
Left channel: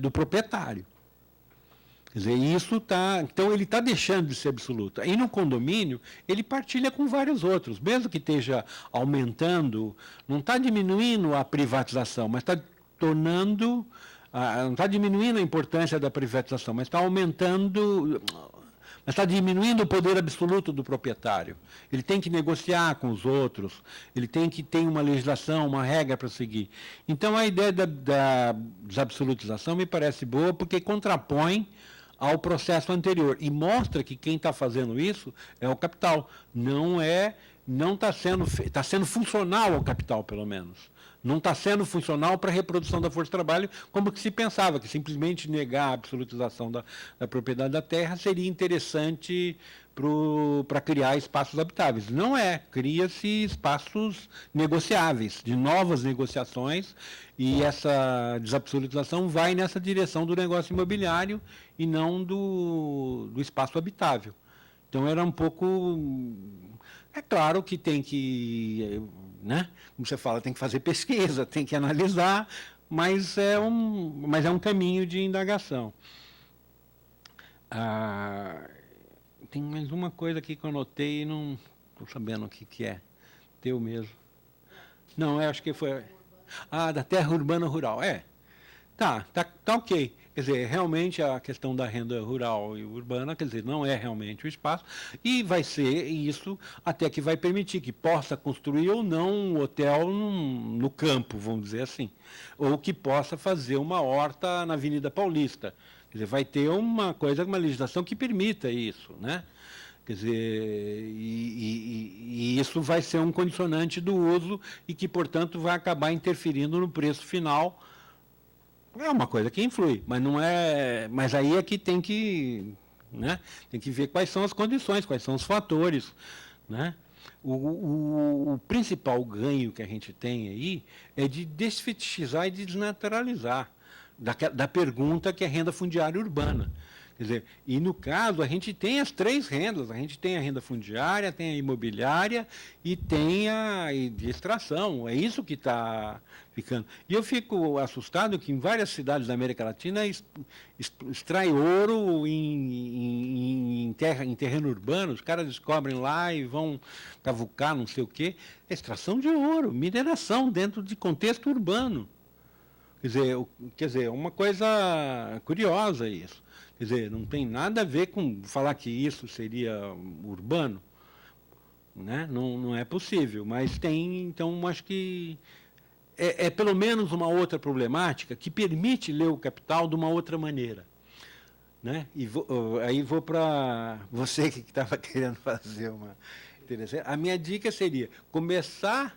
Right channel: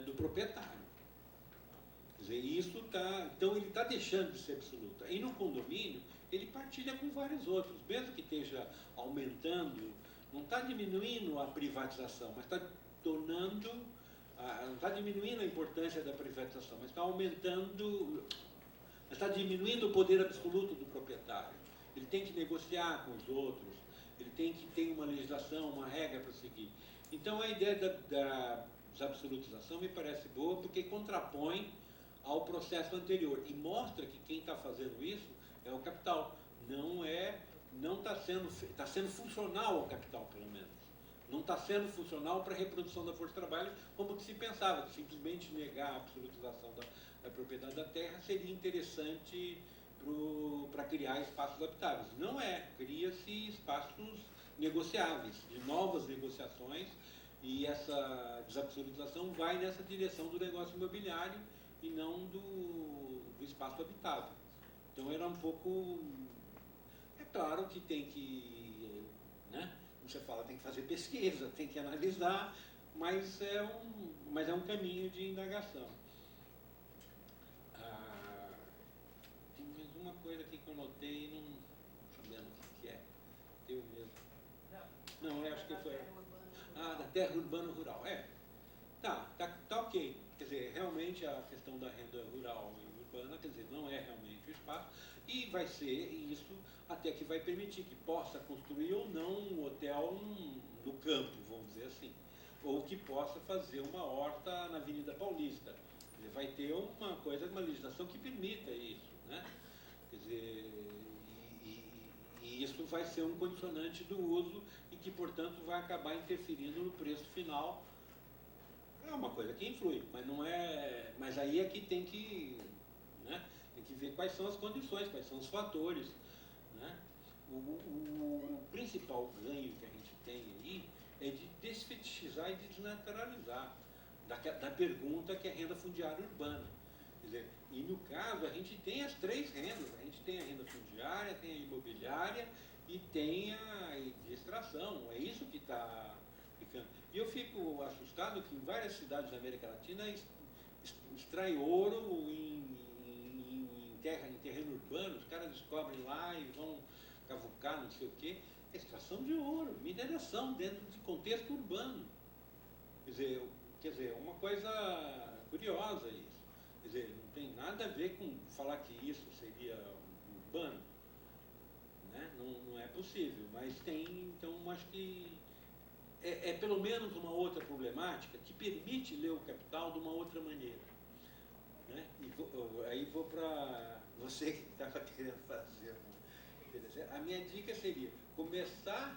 do proprietário. Quer dizer, então ele está deixando de ser absoluto. Aí no condomínio, ele partilha com vários outros, mesmo que esteja aumentando, não está diminuindo a privatização, mas está tornando, não está diminuindo a importância da privatização, mas está aumentando, mas está diminuindo o poder absoluto do proprietário. Ele tem que negociar com os outros, ele tem que ter uma legislação, uma regra para seguir. Então a ideia da desabsolutização me parece boa, porque contrapõe ao processo anterior e mostra que quem está fazendo isso é o capital, está sendo funcional ao capital, pelo menos. Não está sendo funcional para a reprodução da força de trabalho, como que se pensava, que simplesmente negar a absolutização da propriedade da terra seria interessante para criar espaços habitáveis. Não é, cria-se espaços negociáveis, de novas negociações, e essa desabsolutização vai nessa direção do negócio imobiliário e não do espaço habitável. Então era um pouco... É claro que tem que, né, como você fala, tem que fazer pesquisa, tem que analisar, mas é um caminho de indagação. Tem mais uma coisa aqui que eu anotei e não estou sabendo o que é. Teu mesmo. Não, eu acho que foi... da terra urbana rural. Tá ok. Quer dizer, realmente a questão da renda rural e urbana, quer dizer, não é realmente o espaço, e vai ser isso até que vai permitir que possa construir ou não um hotel no campo, vamos dizer assim, ou que possa fazer uma horta na Avenida Paulista. Quer dizer, vai ter uma legislação que permita isso, né? Quer dizer, e isso vai ser um condicionante do uso e que, portanto, vai acabar interferindo no preço final. É uma coisa que influi, mas não é. Mas aí é que tem que, né, tem que ver quais são as condições, quais são os fatores, né? O principal ganho que a gente tem aí é de desfetichizar e desnaturalizar da pergunta que é renda fundiária urbana. Quer dizer, e no caso a gente tem as três rendas, a gente tem a renda fundiária, tem a imobiliária e tem a de extração. É isso que está ficando. E eu fico assustado que em várias cidades da América Latina extrai ouro em terreno urbano, os caras descobrem lá e vão cavucar não sei o quê. Extração de ouro, mineração dentro de contexto urbano. Quer dizer, uma coisa curiosa isso. Quer dizer, não tem nada a ver com falar que isso seria urbano, né? Não é possível, mas tem, então acho que é pelo menos uma outra problemática que permite ler o Capital de uma outra maneira, né? E aí vou para você que estava querendo fazer uma interessante. A minha dica seria começar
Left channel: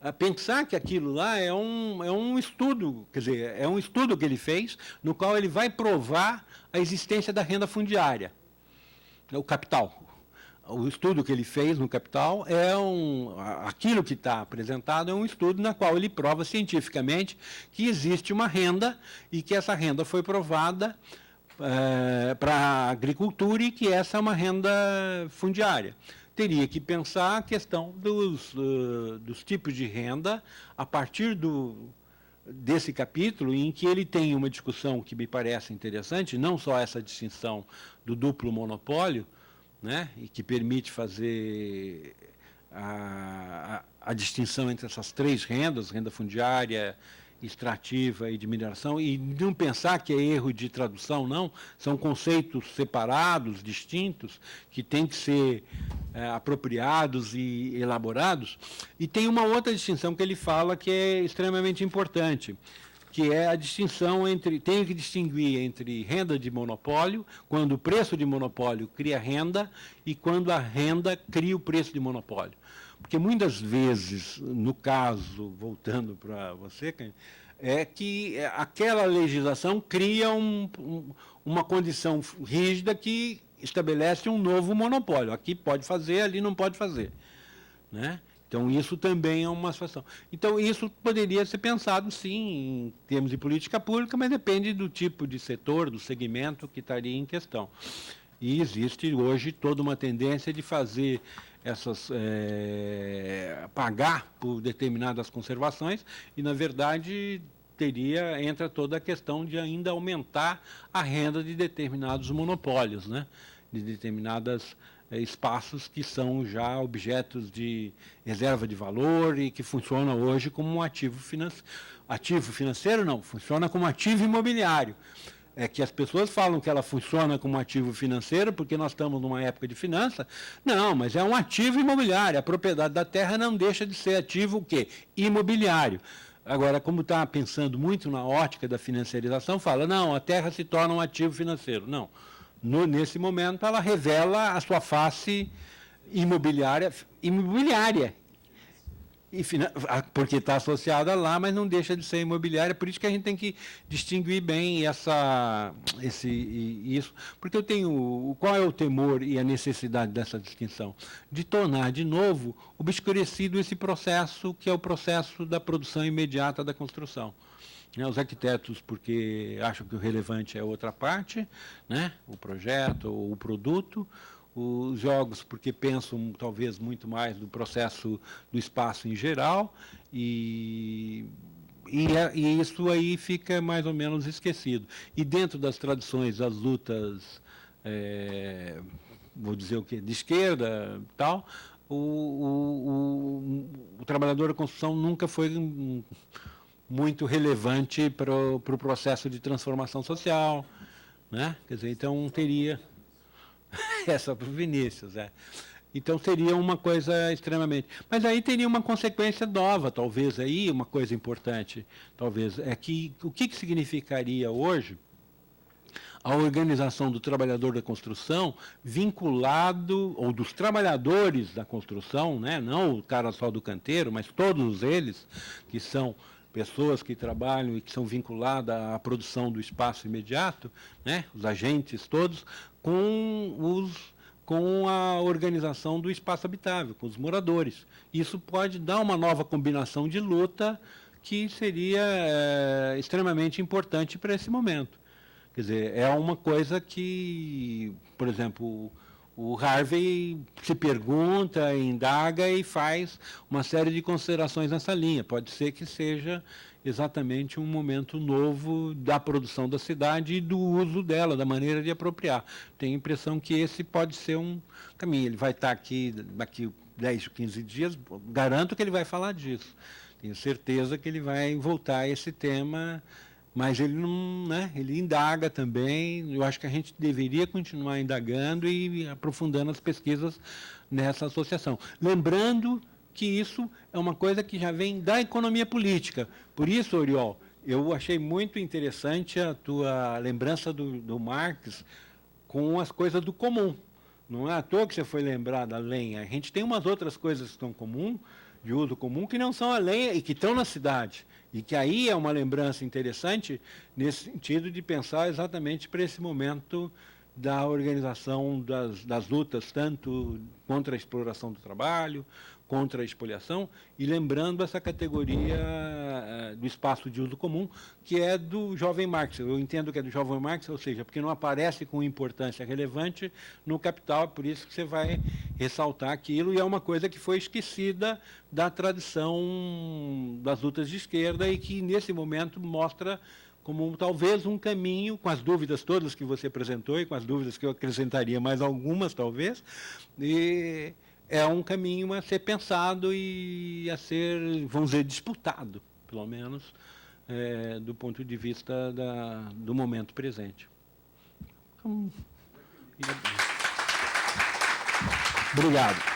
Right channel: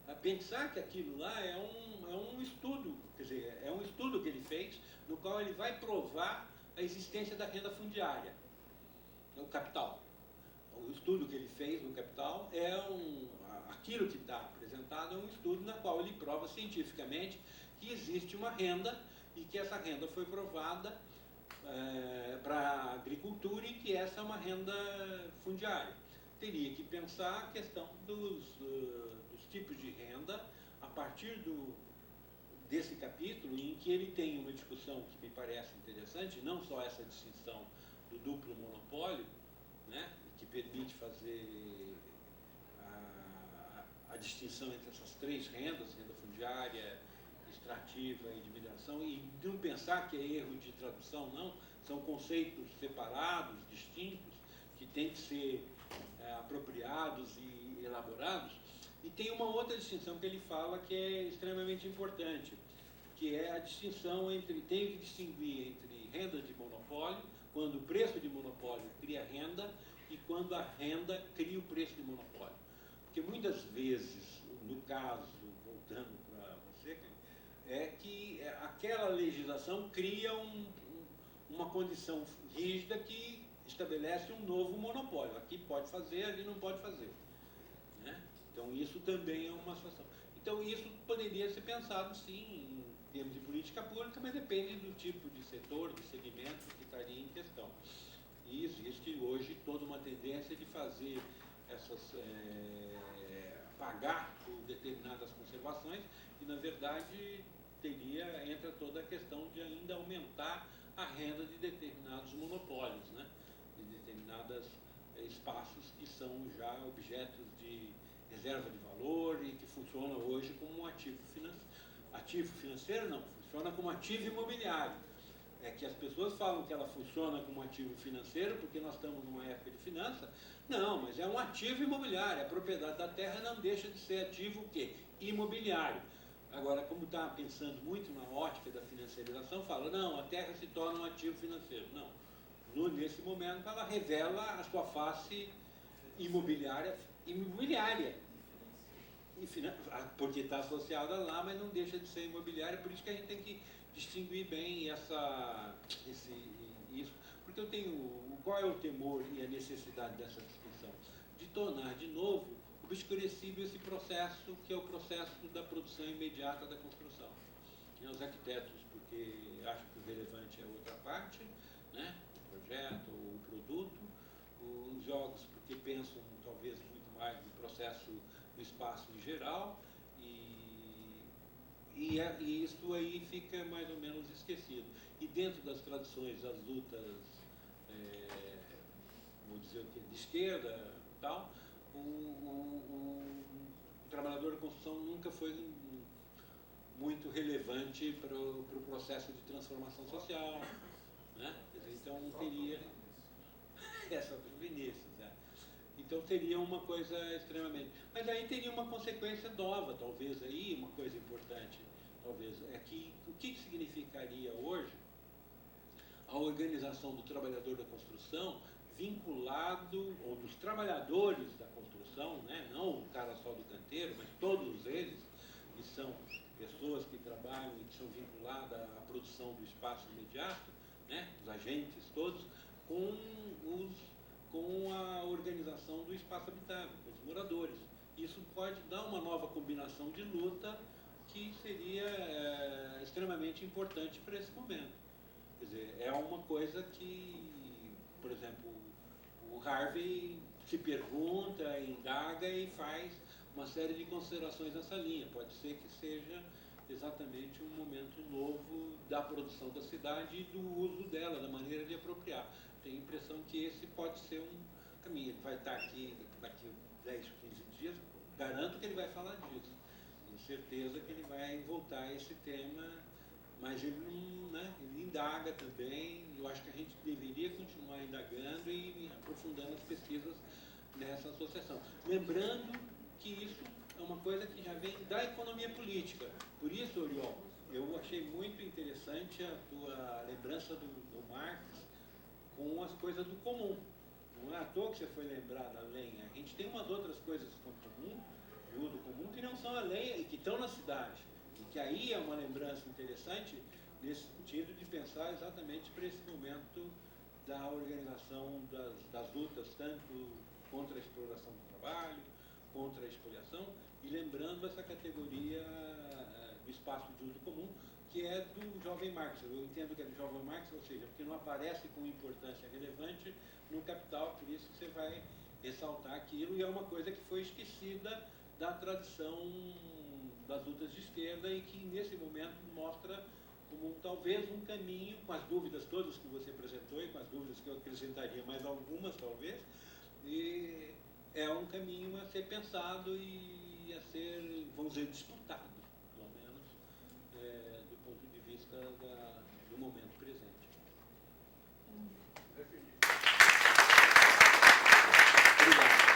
a pensar que aquilo lá é um estudo, quer dizer, é um estudo que ele fez, no qual ele vai provar a existência da renda fundiária, o Capital. O estudo que ele fez no Capital aquilo que está apresentado é um estudo na qual ele prova cientificamente que existe uma renda e que essa renda foi provada para a agricultura e que essa é uma renda fundiária. Teria que pensar a questão dos tipos de renda a partir desse capítulo, em que ele tem uma discussão que me parece interessante, não só essa distinção do duplo monopólio, né, e que permite fazer a distinção entre essas três rendas, renda fundiária, extrativa e de mineração, e não pensar que é erro de tradução, não, são conceitos separados, distintos, que têm que ser apropriados e elaborados. E tem uma outra distinção que ele fala que é extremamente importante, que é a distinção tem que distinguir entre renda de monopólio, quando o preço de monopólio cria renda, e quando a renda cria o preço de monopólio. Porque muitas vezes, no caso, voltando para você, é que aquela legislação cria uma condição rígida que estabelece um novo monopólio. Aqui pode fazer, ali não pode fazer, né? Então, isso também é uma situação. Então, isso poderia ser pensado, sim, em termos de política pública, mas depende do tipo de setor, do segmento que estaria em questão. E existe hoje toda uma tendência de fazer pagar por determinadas conservações e, na verdade, entra toda a questão de ainda aumentar a renda de determinados monopólios, né? De determinados espaços que são já objetos de reserva de valor e que funcionam hoje como um ativo financeiro. Ativo financeiro não, funciona como ativo imobiliário. É que as pessoas falam que ela funciona como ativo financeiro porque nós estamos numa época de finança. Não, mas é um ativo imobiliário. A propriedade da terra não deixa de ser ativo o quê? Imobiliário. Agora, como está pensando muito na ótica da financiarização, fala, não, a terra se torna um ativo financeiro. Não. Nesse momento, ela revela a sua face imobiliária, porque está associada lá, mas não deixa de ser imobiliária. Por isso que a gente tem que distinguir bem isso. Porque qual é o temor e a necessidade dessa distinção? De tornar, de novo, obscurecido esse processo, que é o processo da produção imediata da construção. Os arquitetos, porque acham que o relevante é outra parte, né? O projeto ou o produto. Os geólogos, porque pensam talvez muito mais no processo do espaço em geral, e isso aí fica mais ou menos esquecido. E dentro das tradições, as lutas, vou dizer o quê, de esquerda e tal, o trabalhador da construção nunca foi muito relevante para o processo de transformação social, né? Quer dizer, então teria... É só para o Vinícius, Então seria uma coisa extremamente... Mas aí teria uma consequência nova, talvez, aí, uma coisa importante, talvez, é que o que significaria hoje a organização do trabalhador da construção vinculado, ou dos trabalhadores da construção, né? Não o cara só do canteiro, mas todos eles, que são pessoas que trabalham e que são vinculadas à produção do espaço imediato, né? Os agentes todos, com os com a organização do espaço habitável, com os moradores. Isso pode dar uma nova combinação de luta que seria extremamente importante para esse momento. Quer dizer, é uma coisa que, por exemplo, o Harvey se pergunta, indaga e faz uma série de considerações nessa linha. Pode ser que seja exatamente um momento novo da produção da cidade e do uso dela, da maneira de apropriar. Tenho a impressão que esse pode ser um caminho. Ele vai estar aqui daqui 10 ou 15 dias, garanto que ele vai falar disso. Tenho certeza que ele vai voltar a esse tema, mas ele não, né, ele indaga também. Eu acho que a gente deveria continuar indagando e aprofundando as pesquisas nessa associação. Lembrando que isso é uma coisa que já vem da economia política. Por isso, Oriol, eu achei muito interessante a tua lembrança do Marx com as coisas do comum. Não é à toa que você foi lembrar da lenha. A gente tem umas outras coisas que estão comum, de uso comum, que não são a lenha e que estão na cidade. E que aí é uma lembrança interessante nesse sentido de pensar exatamente para esse momento da organização das lutas, tanto contra a exploração do trabalho, contra a expoliação, e lembrando essa categoria do espaço de uso comum, que é do jovem Marx. Eu entendo que é do jovem Marx, ou seja, porque não aparece com importância relevante no Capital, é por isso que você vai ressaltar aquilo, e é uma coisa que foi esquecida da tradição das lutas de esquerda e que, nesse momento, mostra como talvez um caminho, com as dúvidas todas que você apresentou e com as dúvidas que eu acrescentaria mais algumas, talvez, e é um caminho a ser pensado e a ser, vamos dizer, disputado, pelo menos, do ponto de vista do momento presente. Obrigado.